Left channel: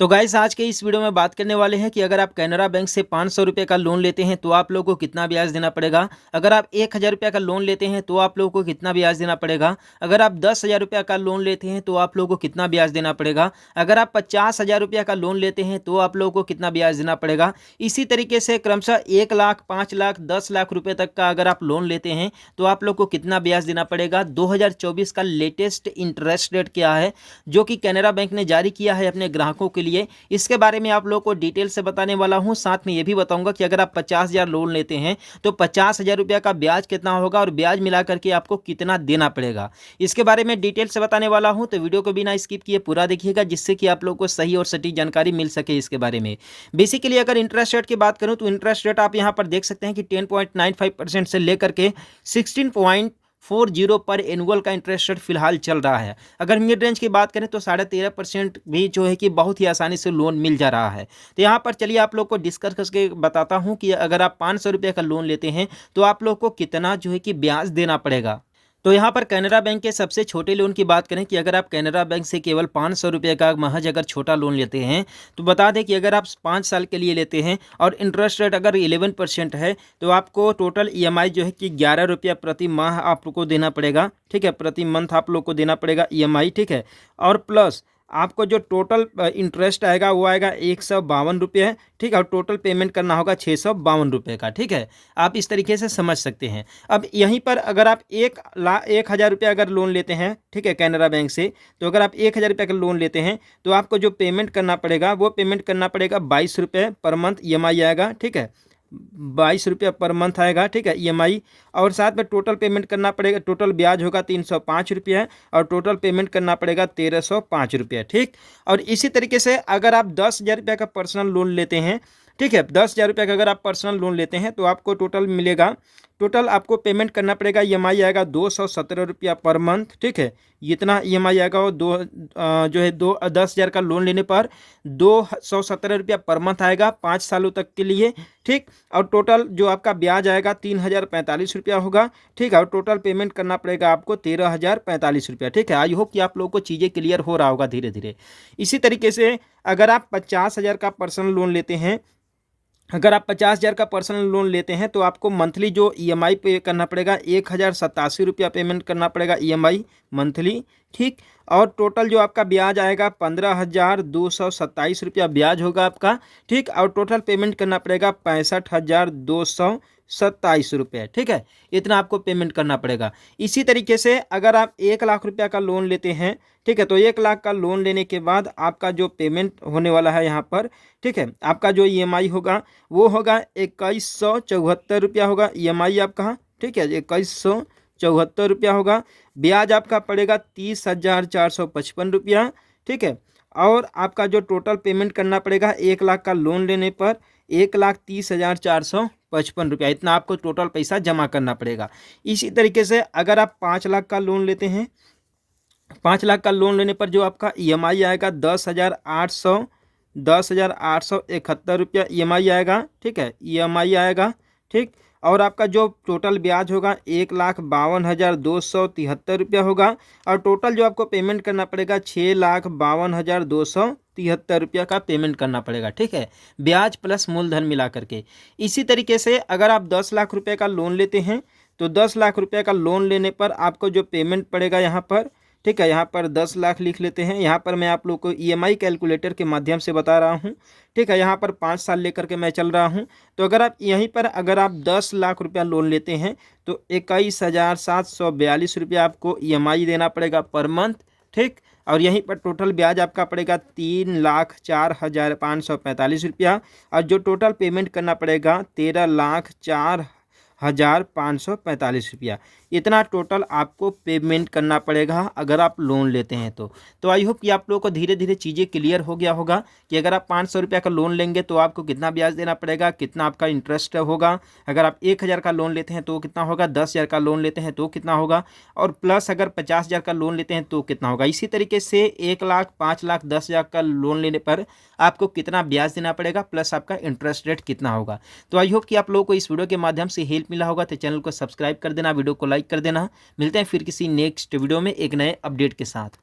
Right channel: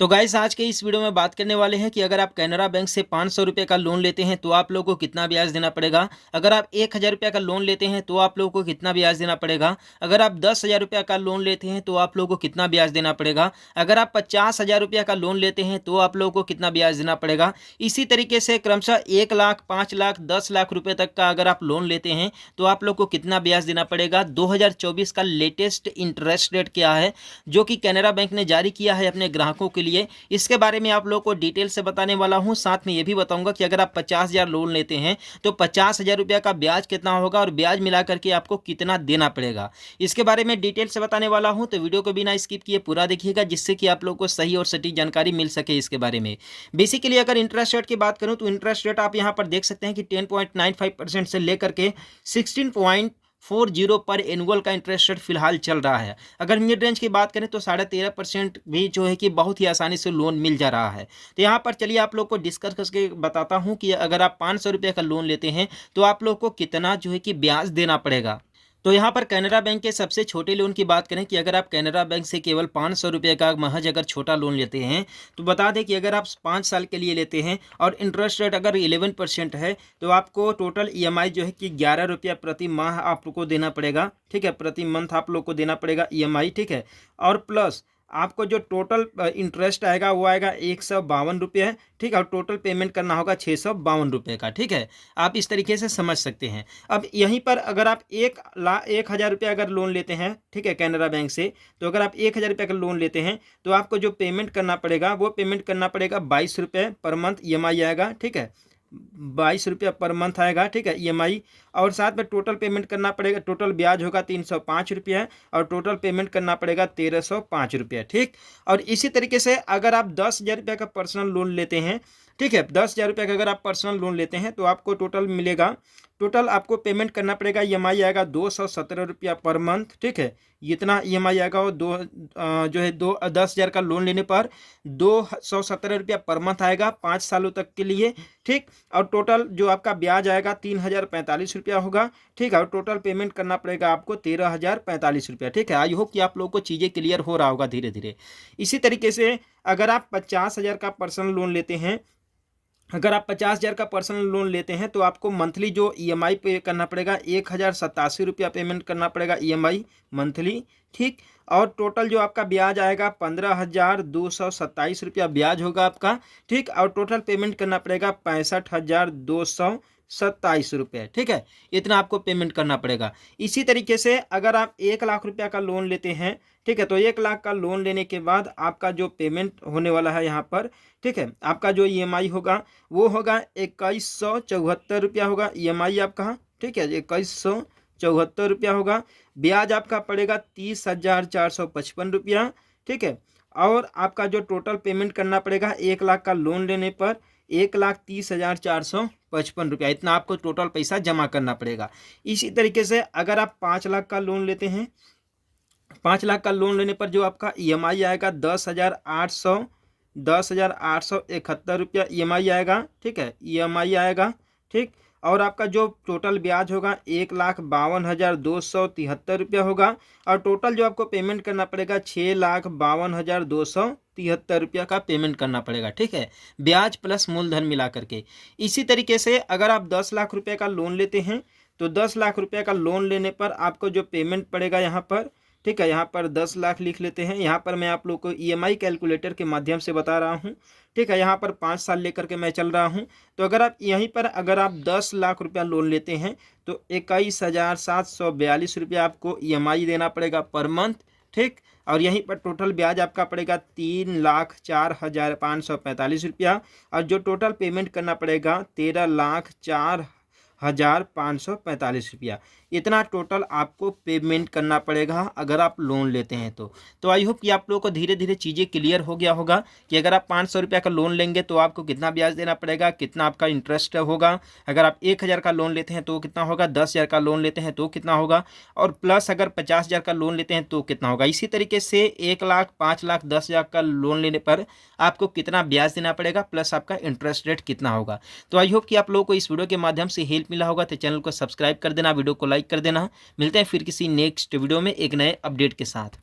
तो गाइस आज के इस वीडियो में बात करने वाले हैं कि अगर आप कैनरा बैंक से 500 रुपये का लोन लेते हैं तो आप लोगों को कितना ब्याज देना पड़ेगा। अगर आप 1000 रुपये का लोन लेते हैं तो आप लोगों को कितना ब्याज देना पड़ेगा। अगर आप 10,000 रुपये का लोन लेते हैं तो आप लोगों को कितना ब्याज देना पड़ेगा। अगर आप 50,000 रुपये का लोन लेते हैं तो आप लोगों को कितना ब्याज देना पड़ेगा। इसी तरीके से क्रमशः 1 लाख, 5 लाख, 10 लाख रुपये तक का अगर आप लोन लेते हैं तो आप लोग को कितना ब्याज देना पड़ेगा। 2024 का लेटेस्ट इंटरेस्ट रेट क्या है जो कि कैनरा बैंक ने जारी किया है अपने ग्राहकों के लिए, इसके बारे में आप लोगों को डिटेल से बताने वाला हूं। साथ में ये भी बताऊंगा कि अगर आप 50,000 लोन लेते हैं तो 50,000 रुपये का ब्याज कितना होगा और ब्याज मिला करके आपको कितना देना पड़ेगा, इसके बारे में डिटेल से बताने वाला हूं। तो वीडियो को बिना स्किप किए पूरा देखिएगा जिससे कि आप लोगों को सही और सटीक जानकारी मिल सके इसके बारे में। बेसिकली अगर इंटरेस्ट रेट की बात करूं तो इंटरेस्ट रेट आप यहां पर देख सकते हैं कि 10.95% से लेकर के 16.40 पर एनुअल का इंटरेस्ट रेट फिलहाल चल रहा है। अगर मिड रेंज की बात करें तो 13.5% भी जो है कि बहुत ही आसानी से लोन मिल जा रहा है। तो यहाँ पर चलिए आप लोग को डिस्कस करके बताता हूँ कि अगर आप 500 रुपये का लोन लेते हैं तो आप लोग को कितना जो है कि ब्याज देना पड़ेगा। तो यहाँ पर कैनरा बैंक के सबसे छोटे लोन की बात करें कि अगर आप कैनरा बैंक से केवल 500 रुपये का महज अगर छोटा लोन लेते हैं तो बता दें कि अगर आप 5 साल के लिए लेते हैं और इंटरेस्ट रेट अगर 11% है तो आपको टोटल ईएमआई जो है कि 11 रुपया प्रति माह आपको देना पड़ेगा। ठीक है, प्रति मंथ आप लोग को देना पड़ेगा ईएमआई। ठीक है, और प्लस आपको जो टोटल इंटरेस्ट आएगा वो आएगा 152 रुपये। ठीक है, और टोटल पेमेंट करना होगा 652 रुपये का। ठीक है, आप इस तरीके से समझ सकते हैं। अब यहीं पर अगर आप 1,00,000 रुपये अगर लोन लेते हैं, ठीक है, कैनरा बैंक से, तो अगर आप 1,000 रुपये का लोन लेते हैं तो आपको जो पेमेंट करना पड़ेगा वो पेमेंट करना पड़ेगा 22 रुपये पर मंथ ईएमआई आएगा। ठीक है, 22 रुपये पर मंथ आएगा। ठीक है, ईएमआई, और साथ में टोटल पेमेंट करना पड़ेगा, टोटल ब्याज होगा 305 रुपये और टोटल पेमेंट करना पड़ेगा 1,305 रुपये। ठीक, और इसी तरीके से अगर आप 10,000 रुपये का पर्सनल लोन लेते हैं, ठीक है, 10,000 रुपये का अगर आप पर्सनल लोन लेते हैं तो आपको टोटल मिलेगा, टोटल आपको पेमेंट करना पड़ेगा, ईएमआई आएगा 217 रुपया पर मंथ। ठीक है, इतना ईएमआई आएगा वो जो है 10,000 का लोन लेने पर 217 रुपया पर मंथ आएगा 5 सालों तक के लिए। ठीक, और टोटल जो आपका ब्याज आएगा 3,045 रुपया होगा। ठीक है, और टोटल पेमेंट करना पड़ेगा आपको 13,045 रुपया। ठीक है, आई होप कि आप लोगों को चीज़ें क्लियर हो रहा होगा धीरे धीरे। इसी तरीके से अगर आप 50,000 का पर्सनल लोन लेते हैं, अगर आप 50,000 का पर्सनल लोन लेते हैं तो आपको मंथली जो ईएमआई पे करना पड़ेगा 1,087 रुपया पेमेंट करना पड़ेगा ईएमआई मंथली। ठीक, और टोटल जो आपका ब्याज आएगा 15,227 रुपया ब्याज होगा आपका। ठीक, और टोटल पेमेंट करना पड़ेगा 65,227 रुपये। ठीक है, इतना आपको पेमेंट करना पड़ेगा। इसी तरीके से अगर आप 1,00,000 रुपया का लोन लेते हैं, ठीक है, तो 1,00,000 का लोन लेने के बाद आपका जो पेमेंट होने वाला है यहाँ पर, ठीक है, आपका जो ईएमआई होगा वो होगा 2,174 रुपया होगा ईएमआई आपका। ठीक है, 2,174 रुपया होगा। ब्याज आपका पड़ेगा 30,455 रुपया। ठीक है, और आपका जो टोटल पेमेंट करना पड़ेगा 1,00,000 का लोन लेने पर 1,30,455 रुपया, इतना आपको टोटल पैसा जमा करना पड़ेगा। इसी तरीके से अगर आप 5,00,000 का लोन लेते हैं, 5,00,000 का लोन लेने पर जो आपका ईएमआई आएगा 10,871 रुपया ईएमआई आएगा। ठीक है, ईएमआई आएगा। ठीक, और आपका जो टोटल ब्याज होगा 1,52,273 रुपया होगा, और टोटल जो आपको पेमेंट करना पड़ेगा 6,52,273 रुपया का पेमेंट करना पड़ेगा। ठीक है, ब्याज प्लस मूलधन मिला करके। इसी तरीके से अगर आप 10,00,000 रुपये का लोन लेते हैं तो 10,00,000 रुपये का लोन लेने पर आपको जो पेमेंट पड़ेगा यहाँ पर, ठीक है, यहाँ पर 10,00,000 लिख लेते हैं। यहाँ पर मैं आप लोग को ईएमआई कैलकुलेटर के माध्यम से बता रहा हूँ। ठीक है, यहाँ पर 5 साल लेकर के मैं चल रहा हूँ। तो अगर आप यहीं पर अगर आप 10,00,000 रुपया लोन लेते हैं तो 21,742 रुपया आपको ईएमआई देना पड़ेगा पर मंथ। ठीक, और यहीं पर टोटल ब्याज आपका पड़ेगा 3,04,545 रुपया, और जो टोटल पेमेंट करना पड़ेगा 13,04,545 रुपया, इतना टोटल आपको पेमेंट करना पड़ेगा अगर आप लोन लेते हैं तो आई होप कि आप लोगों को धीरे धीरे चीज़ें क्लियर हो गया होगा कि अगर आप 500 रुपये का लोन लेंगे तो आपको कितना ब्याज देना पड़ेगा, कितना आपका इंटरेस्ट होगा। अगर आप 1,000 का लोन लेते हैं तो कितना होगा, 10,000 का लोन लेते हैं तो कितना होगा, और प्लस अगर 50,000 का लोन लेते हैं तो कितना होगा। इसी तरीके से 1,00,000, 5,00,000, 10,000 का लोन लेने पर आपको कितना ब्याज देना पड़ेगा प्लस आपका इंटरेस्ट रेट कितना होगा। तो आई होप कि आप लोगों को इस वीडियो के माध्यम से हेल्प मिला होगा। तो चैनल को सब्सक्राइब कर देना, वीडियो को लाइक कर देना। मिलते हैं फिर किसी नेक्स्ट वीडियो में एक नए अपडेट के साथ।